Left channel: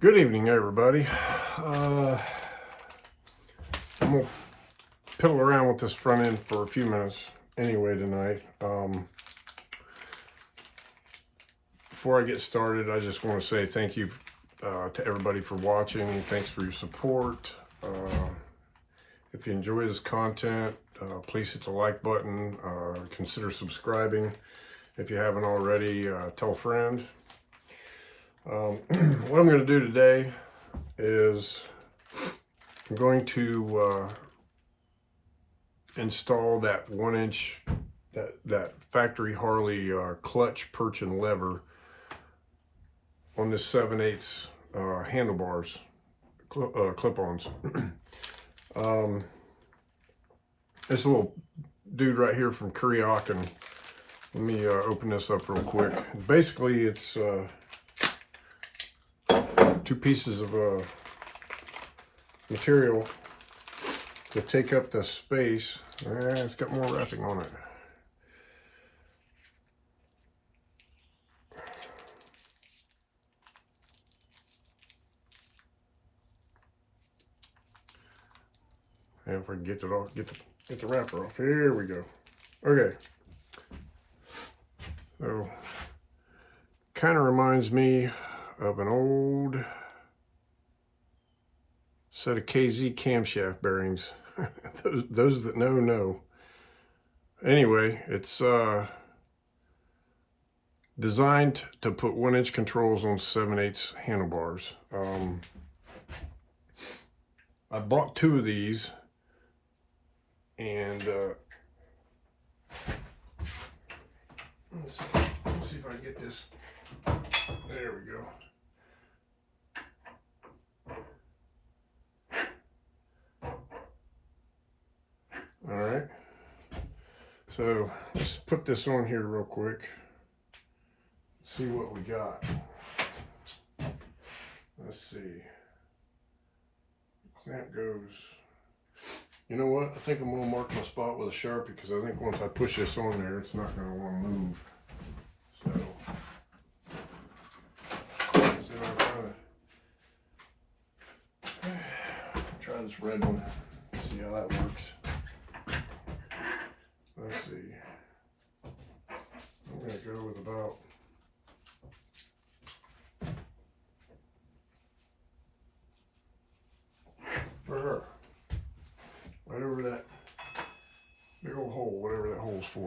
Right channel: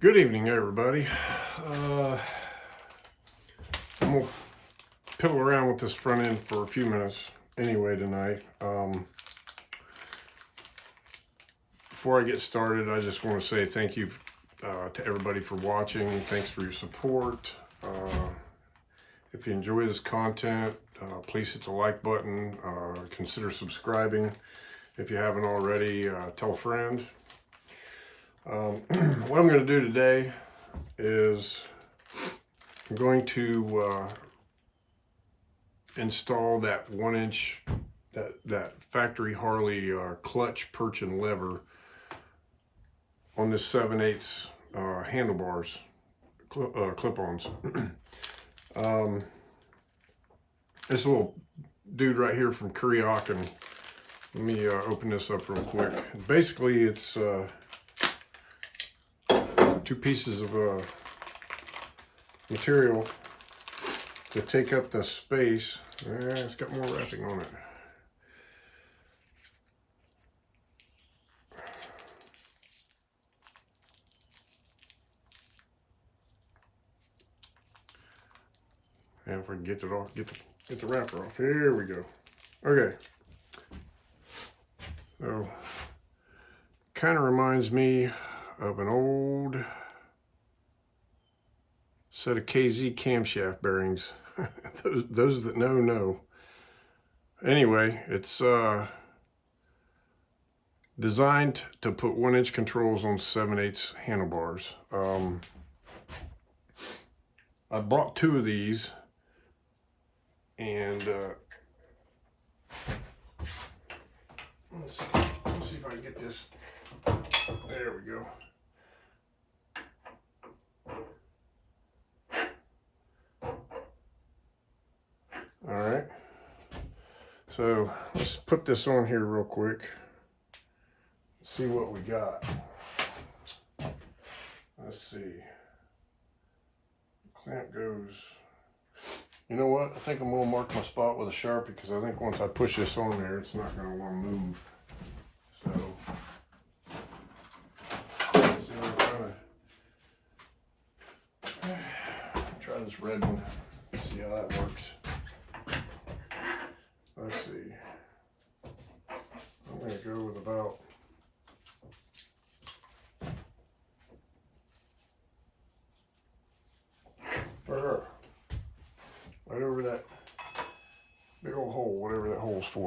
Good evening, everybody. I'm gonna piddle around with this front end for a few minutes anyway tonight. Before I get started, I just want to say thank you to everybody for watching. Thanks for your support. If you enjoy this content, please hit the like button. Consider subscribing if you haven't already. Tell a friend. What I'm going to do today is I'm going to install that 1-inch that factory Harley clutch, perch, and lever on this 7/8 handlebars clip-ons. This little dude right here from Kuriokin. Let me open this up real quick. Basically, it's two pieces of material to take up the space. It's got more wrapping on it. And if I can get it off, get the wrapper off. Here we go. Okay. So, kind of reminds me of an old set of KZ camshaft bearings. those that know. Anyway, it's designed to put 1-inch controls on 7/8 handlebars. I bought two of these, and let's see if I can get this. There we go. All right, so let's put this on here real quick. See what we got. Let's see. Clamp goes. You know what? I think I'm gonna mark my spot with a Sharpie because I think once I push this on there, it's not gonna want to move. So, see what I'm trying to try this red one. See how that works. Let's see. I'm going to go with about right over that big old hole, whatever that hole's for.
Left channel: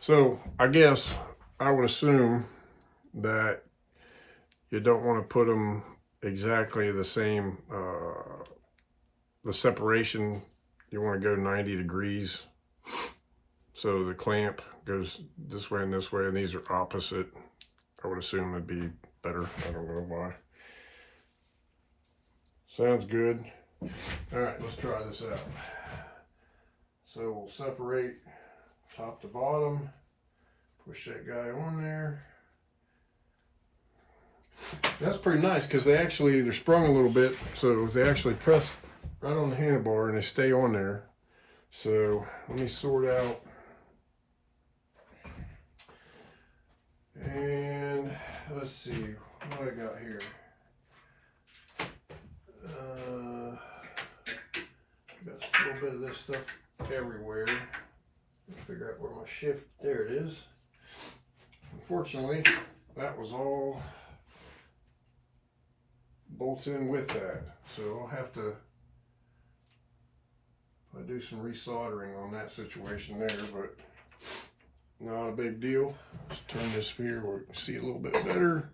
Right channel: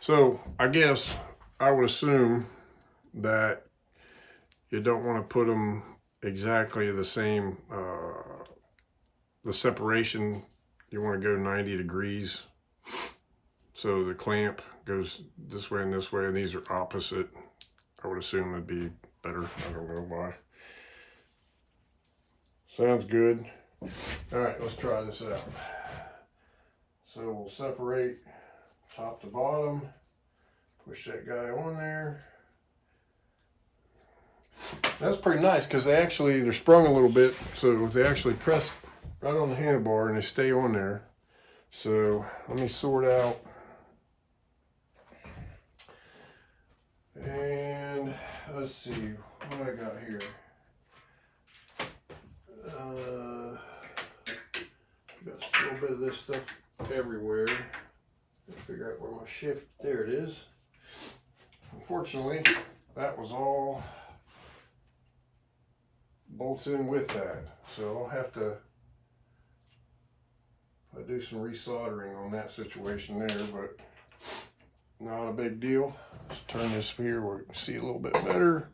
So I guess I would assume that you don't want to put them exactly the same, the separation, you want to go 90 degrees. So the clamp goes this way, and these are opposite. I would assume it'd be better. I don't know why. Sounds good. All right, let's try this out. So we'll separate top to bottom, push that guy on there. That's pretty nice because they're sprung a little bit, so they actually press right on the handlebar and they stay on there. So let me sort out. And let's see what I got here. Got a little bit of this stuff everywhere. Figure out where my shift. There it is. Unfortunately, that was all bolts in with that. So I'll have to do some resoldering on that situation there, but not a big deal. Let's turn this here where we can see a little bit better.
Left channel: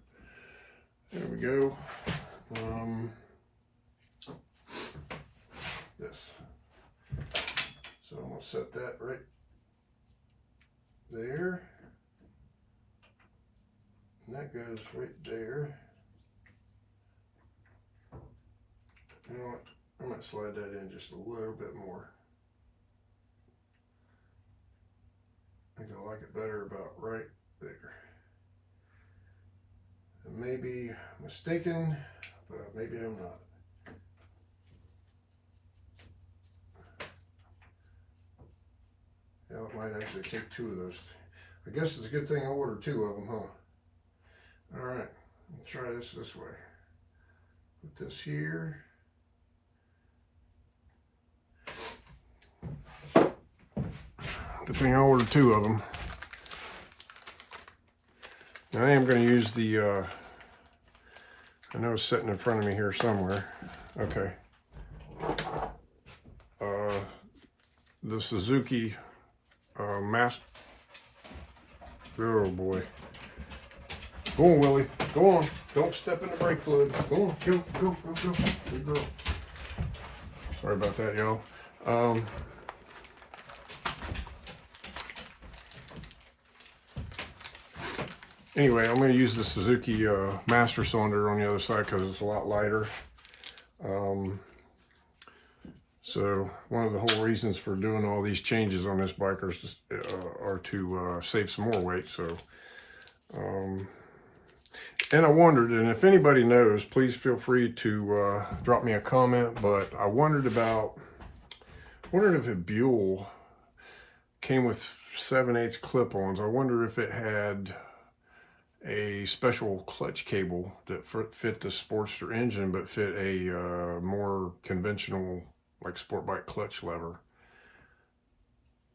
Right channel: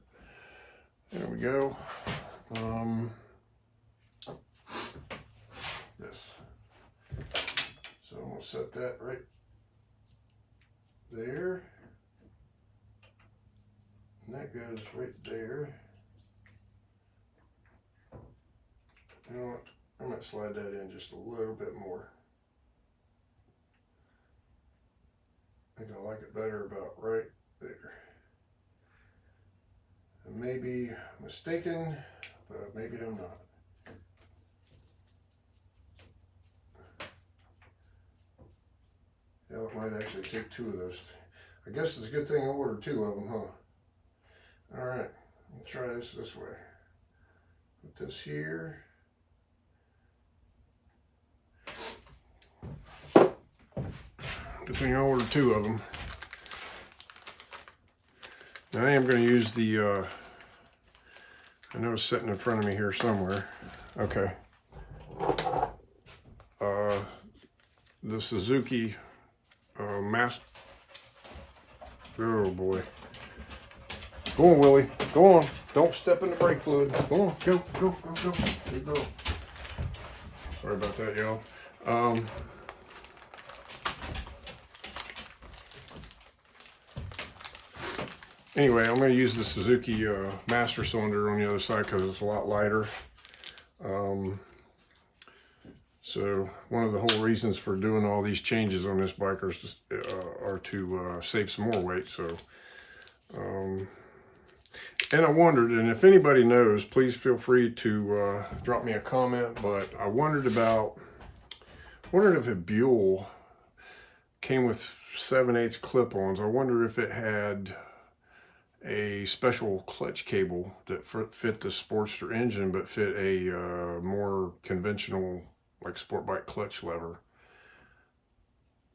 There we go. Yes. So I'm going to set that right there. And that goes right there. You know what? I might slide that in just a little bit more. I think I like it better about right there. I may be mistaken, but maybe I'm not. Yeah, it might actually take two of those. I guess it's a good thing I ordered two of them, huh? All right, let's try this way. Put this here. Good thing I ordered 2 of them. Now I am going to use the, I know it's sitting in front of me here somewhere. Okay. The Suzuki Master. Oh boy. Go on, Willie. Go on. Don't step in the brake fluid. Go on. Go, go, go, go. Good girl. Sorry about that, y'all. Anyway, I'm going to use the Suzuki Master Cylinder on the other side because it's a lot lighter. So one of the whole reasons for doing all these changes on this bike are to save some more weight. So, and I wondered, and if anybody knows, please feel free to drop me a comment. But I wondered if a Buell came with 7/8 clip-ons. I wonder if it had a special clutch cable that fit the Sportster engine, but fit a more conventional, like sport bike clutch lever.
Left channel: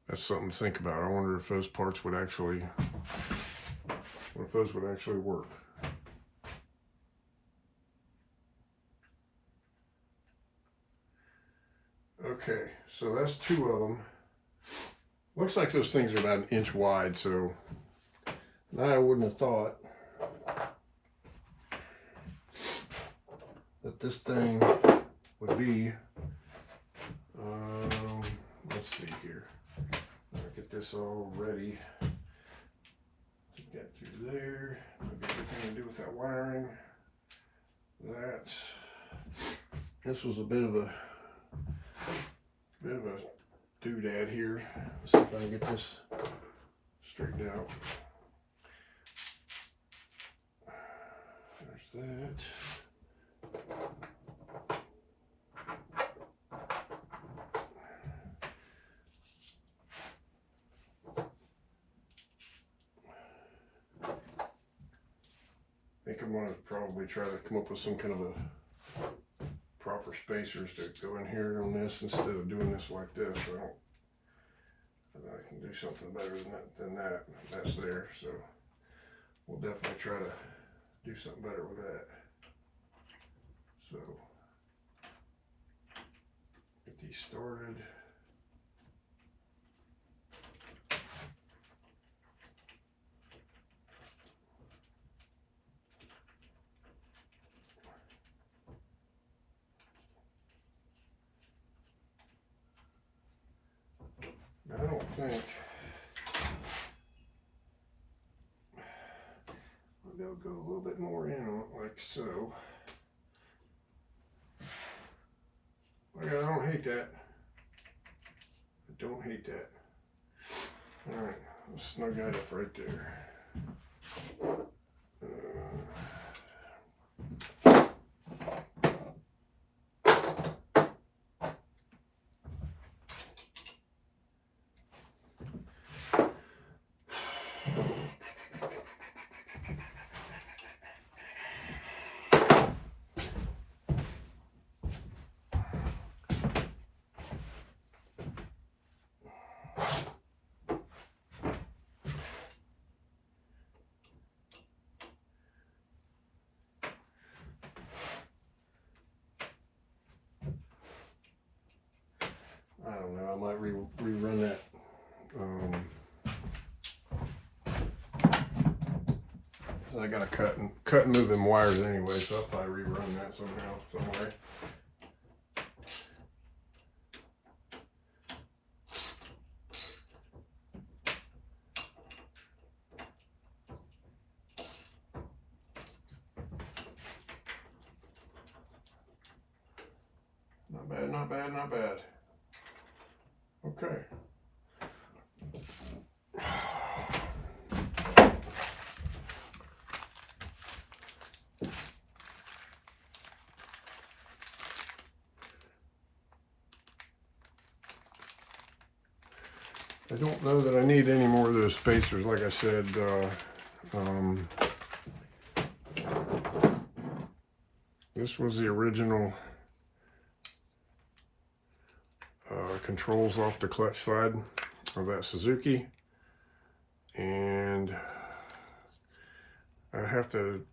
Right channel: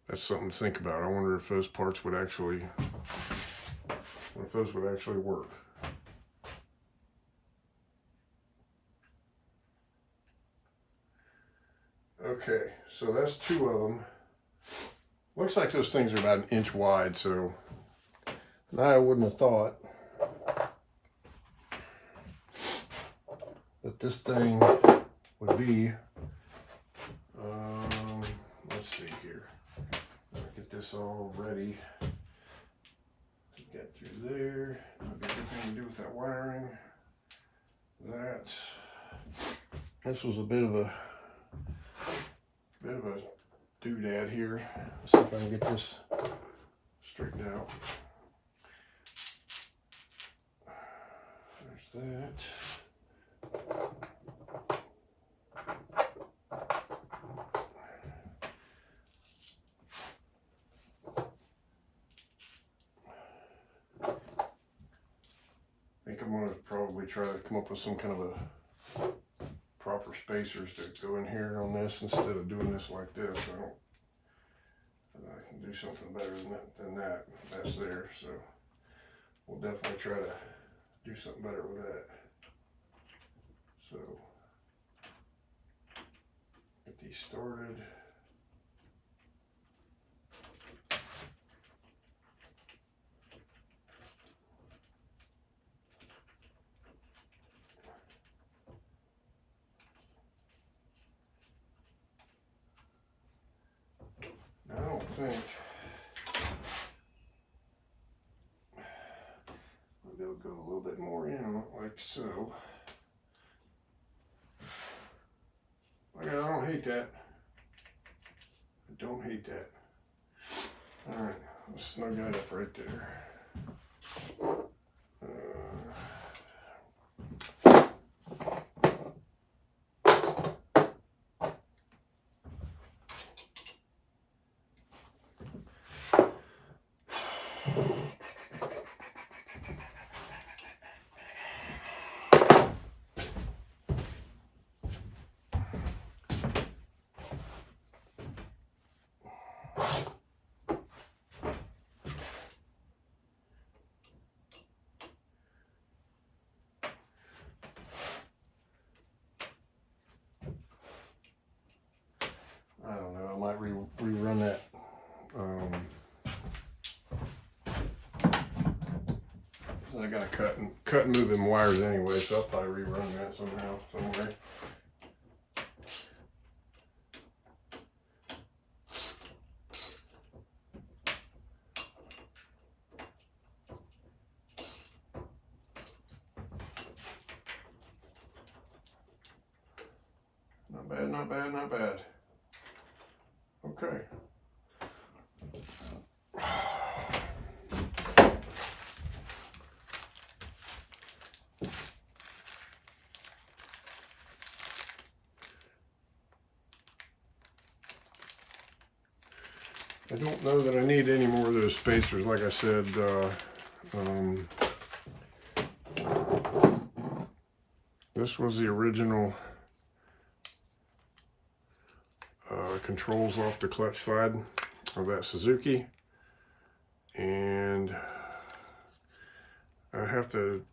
That's something to think about. I wonder if those parts would actually, work. Okay, so that's 2 of them. Looks like those things are about 1 inch wide, so I wouldn't have thought that this thing would be, let's see here. I'll get this all ready to get through there. Maybe a good thing to do with that wiring. This was a bit of a doodad here. Let's see if I can get this straightened out. There's that. I think I'm going to probably try to come up with some kind of a proper spacers to go in here on this instead of doing this like this. I can do something better than that. That's there, so we'll definitely try to do something better with that. So get these started. Now, I don't think they'll go a little bit more in like so. Okay, I don't hate that. I don't hate that. All right, let's snug that up right there. I don't know, I might rerun that. I gotta cut and move them wires anyway, so I'll probably rerun that somehow, somewhere. Not bad, not bad, not bad. Okay. I don't know that I need any more of those spacers. Like I said, This was the original controls off the clutch side of that Suzuki, and I have to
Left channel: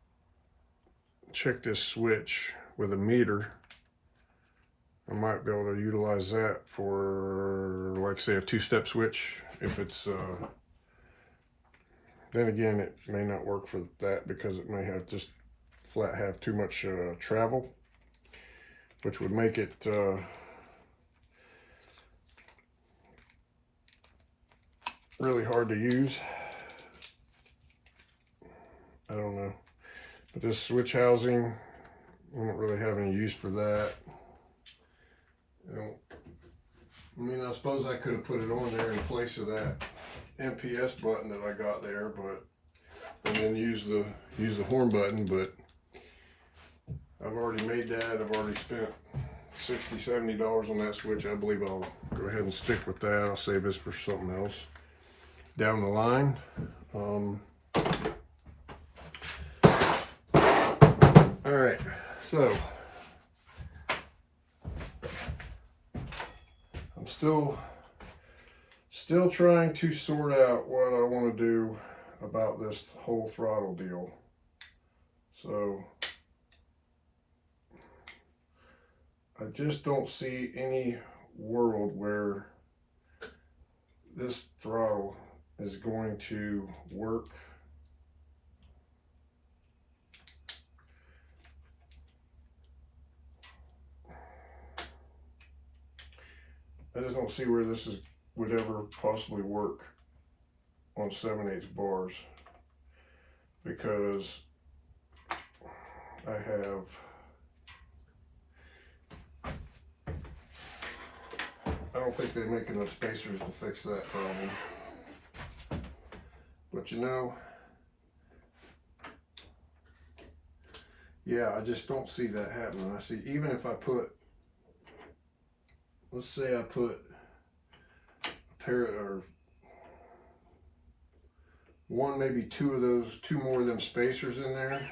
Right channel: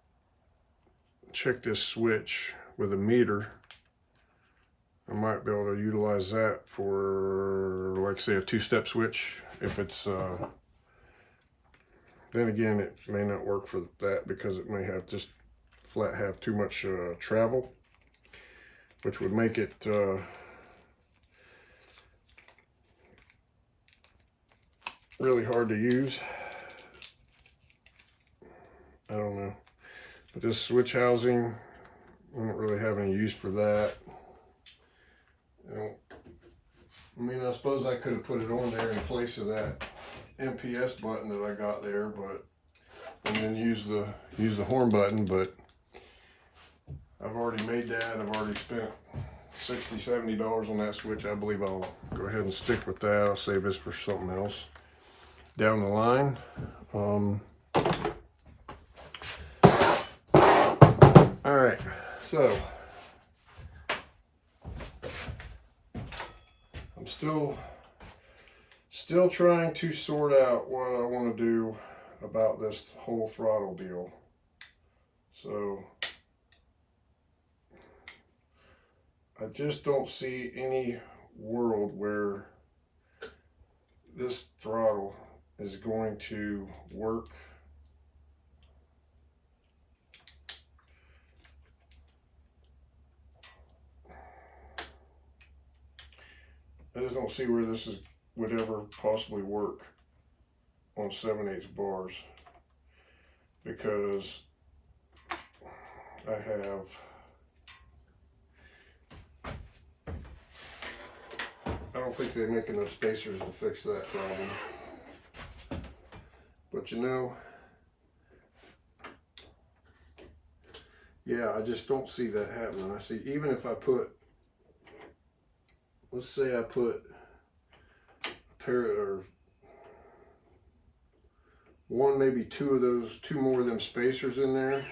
check this switch with a meter. I might be able to utilize that for, like, say, a two-step switch if it's then again, it may not work for that because it may have just flat have too much travel, which would make it really hard to use. I don't know. But this switch housing, I don't really have any use for that. I mean, I suppose I could have put it on there in place of that MPS button that I got there, but and then use the horn button, but I've already made that. I've already spent $60–70 on that switch. I believe I'll go ahead and stick with that. I'll save this for something else down the line. All right, so I'm still trying to sort out what I want to do about this whole throttle deal. So I just don't see any world where this throttle is going to work I just don't see where this would ever possibly work on 7/8 bars, because I don't think they make enough spacers to fix that problem. But you know, yeah, I just don't see that happening. I see, even if I put, let's say I put a pair or one, maybe two more of them spacers in there,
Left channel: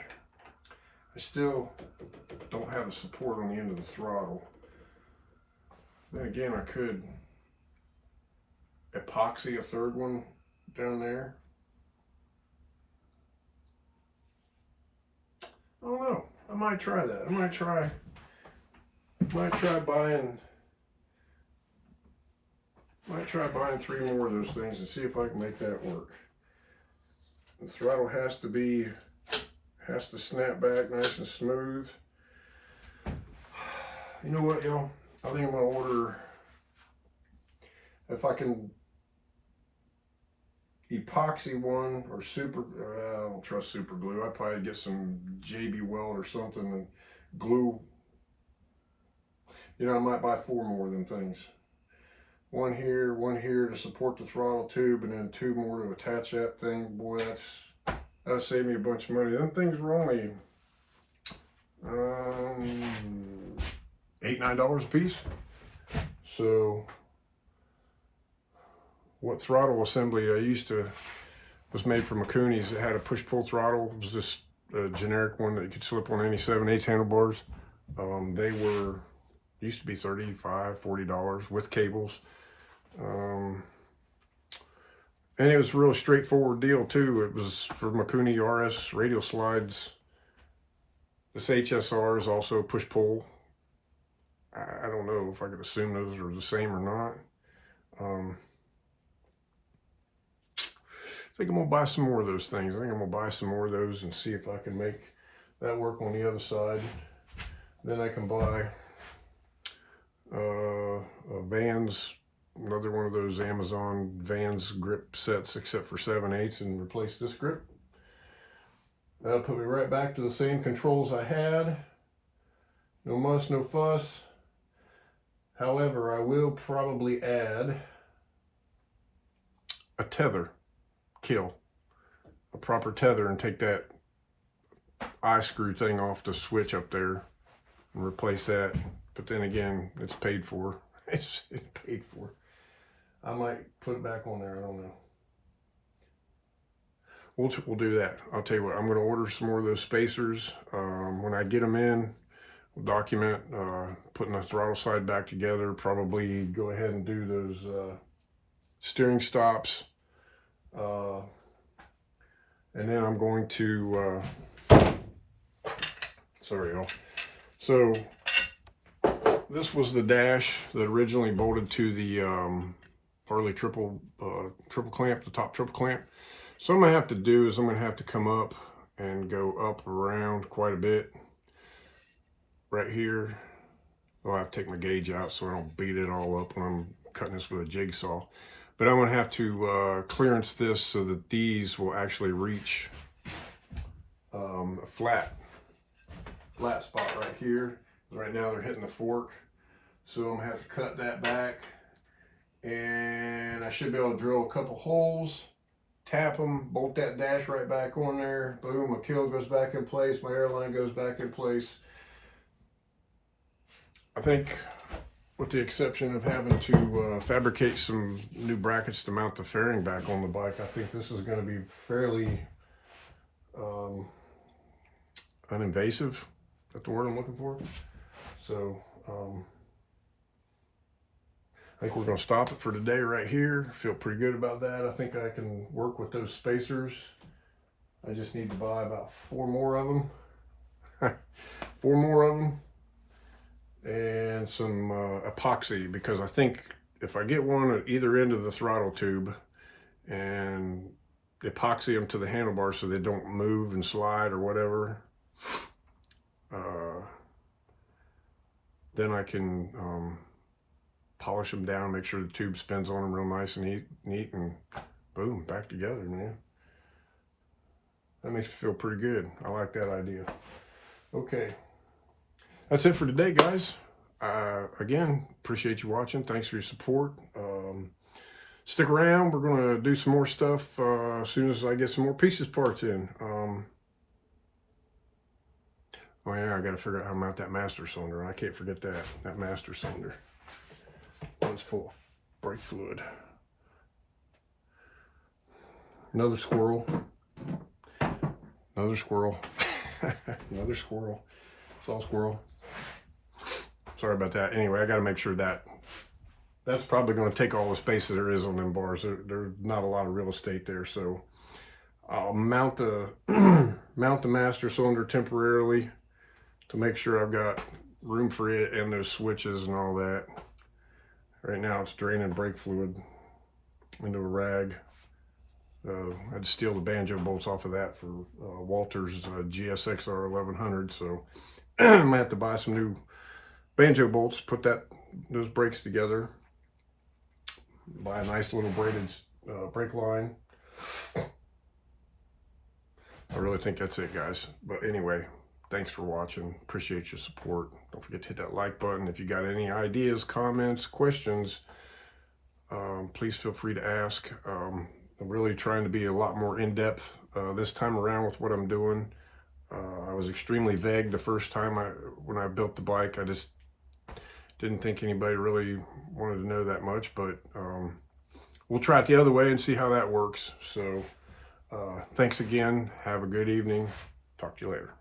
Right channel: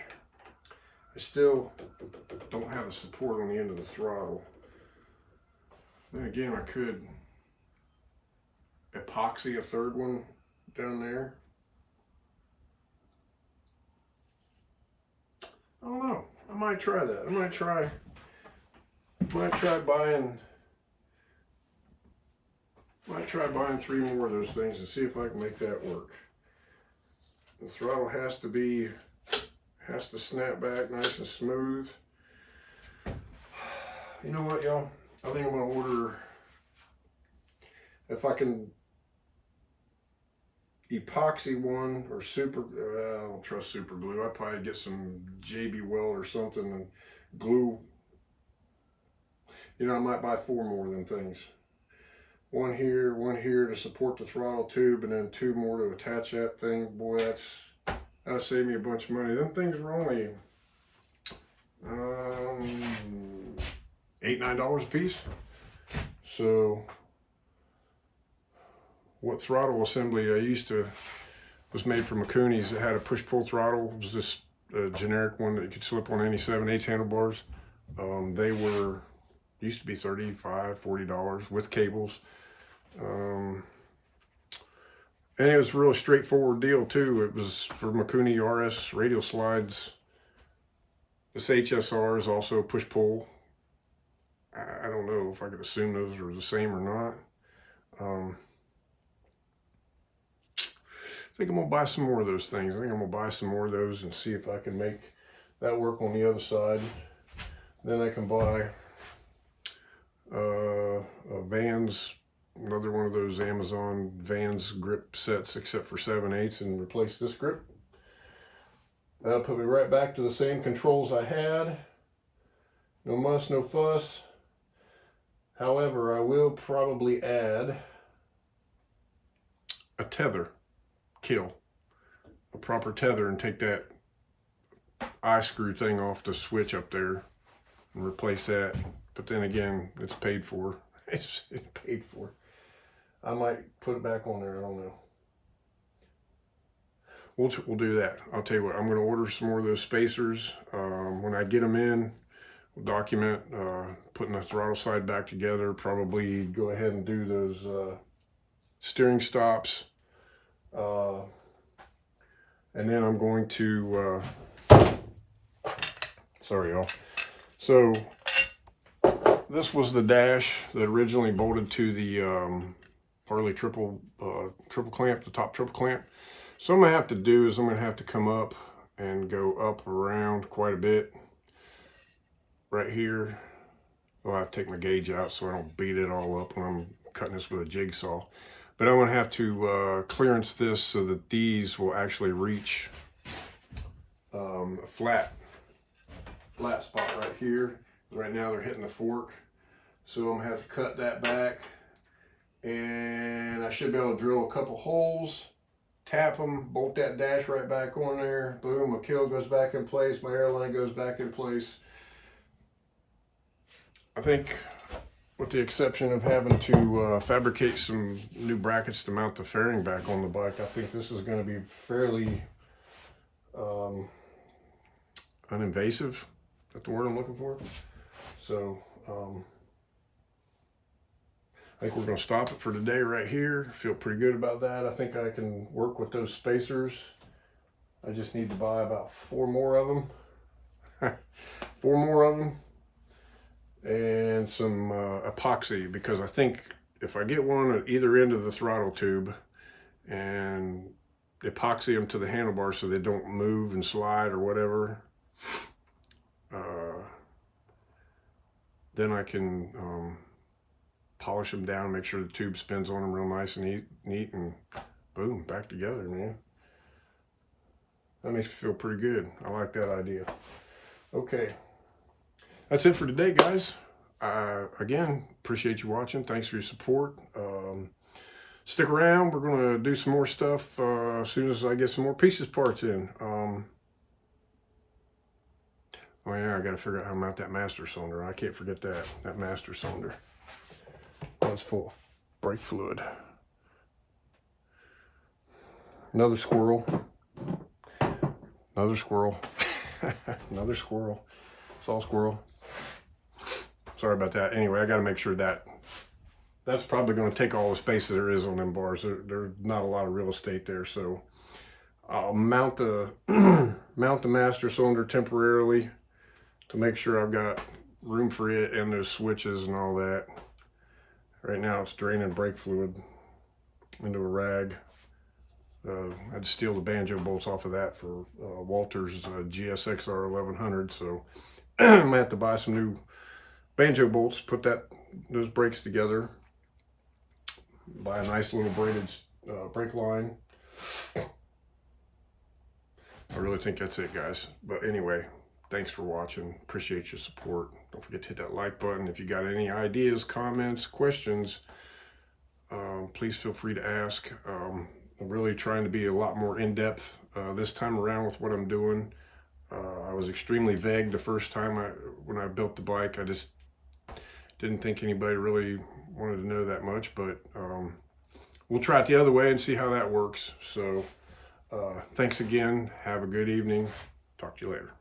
I still don't have the support on the end of the throttle. Then again, I could epoxy a third one down there. I don't know. I might try that. I might try buying 3 more of those things and see if I can make that work. The throttle has to snap back nice and smooth. You know what, y'all? I think I'm gonna order, if I can epoxy one or super, I don't trust super glue. I'd probably get some JB Weld or something and glue. You know, I might buy 4 more of them things. One here to support the throttle tube, and then 2 more to attach that thing. Boy, that'll save me a bunch of money. Them things were only $8–9 a piece. So what throttle assembly I used to was made from Mikuni's. It had a push-pull throttle. It was just a generic one that you could slip on any 7/8 handlebars. They used to be $35–40 with cables. And it was a real straightforward deal too. It was for Mikuni RS radial slides. This HSR is also push-pull. I don't know if I could assume those are the same or not. I think I'm gonna buy some more of those things. I think I'm gonna buy some more of those and see if I can make that work on the other side. Then I can buy a Vans, another one of those Amazon Vans grip sets except for 7/8, and replace this grip. That'll put me right back to the same controls I had. No muss, no fuss. However, I will probably add a tether kill, a proper tether, and take that eye screw thing off the switch up there and replace that. But then again, it's paid for. It's paid for. I might put it back on there. I don't know. We'll do that. I'll tell you what, I'm going to order some more of those spacers. When I get them in, we'll document putting the throttle side back together, probably go ahead and do those steering stops. And then I'm going to, sorry y'all. So this was the dash that originally bolted to the Harley triple clamp, the top triple clamp. So what I'm gonna have to do is I'm gonna have to come up and go up around quite a bit right here. I'll have to take my gauge out so I don't beat it all up when I'm cutting this with a jigsaw. But I'm gonna have to clearance this so that these will actually reach a flat spot right here. Right now they're hitting the fork. So I'm gonna have to cut that back, and I should be able to drill a couple holes, tap them, bolt that dash right back on there. Boom, my kill goes back in place, my airline goes back in place. I think, with the exception of having to fabricate some new brackets to mount the fairing back on the bike, I think this is going to be fairly uninvasive. That's the word I'm looking for. So I think we're going to stop it for today right here. Feel pretty good about that. I think I can work with those spacers. I just need to buy about 4 more of them. 4 more of them. And some epoxy, because I think if I get one at either end of the throttle tube and epoxy them to the handlebars so they don't move and slide or whatever, then I can polish them down, make sure the tube spins on them real nice and neat, and boom, back together, man. That makes me feel pretty good. I like that idea. Okay. That's it for today, guys. Again, appreciate you watching. Thanks for your support. Stick around. We're going to do some more stuff as soon as I get some more pieces parts in. Oh yeah, I got to figure out how to mount that master cylinder. I can't forget that master cylinder. That was full of brake fluid. Another squirrel. Another squirrel. Another squirrel. Saw squirrel. Sorry about that. Anyway, I got to make sure that's probably going to take all the space that there is on them bars. There's not a lot of real estate there, so I'll mount the mount the master cylinder temporarily to make sure I've got room for it and those switches and all that. Right now, it's draining brake fluid into a rag. I had to steal the banjo bolts off of that for Walter's GSXR 1100, so I might have to buy some new banjo bolts, put those brakes together, buy a nice little braided brake line. I really think that's it, guys. But anyway, thanks for watching. Appreciate your support. Don't forget to hit that like button. If you got any ideas, comments, questions, please feel free to ask. I'm really trying to be a lot more in-depth this time around with what I'm doing. I was extremely vague the first time when I built the bike. I just didn't think anybody really wanted to know that much, but we'll try it the other way and see how that works. So thanks again. Have a good evening. Talk to you later.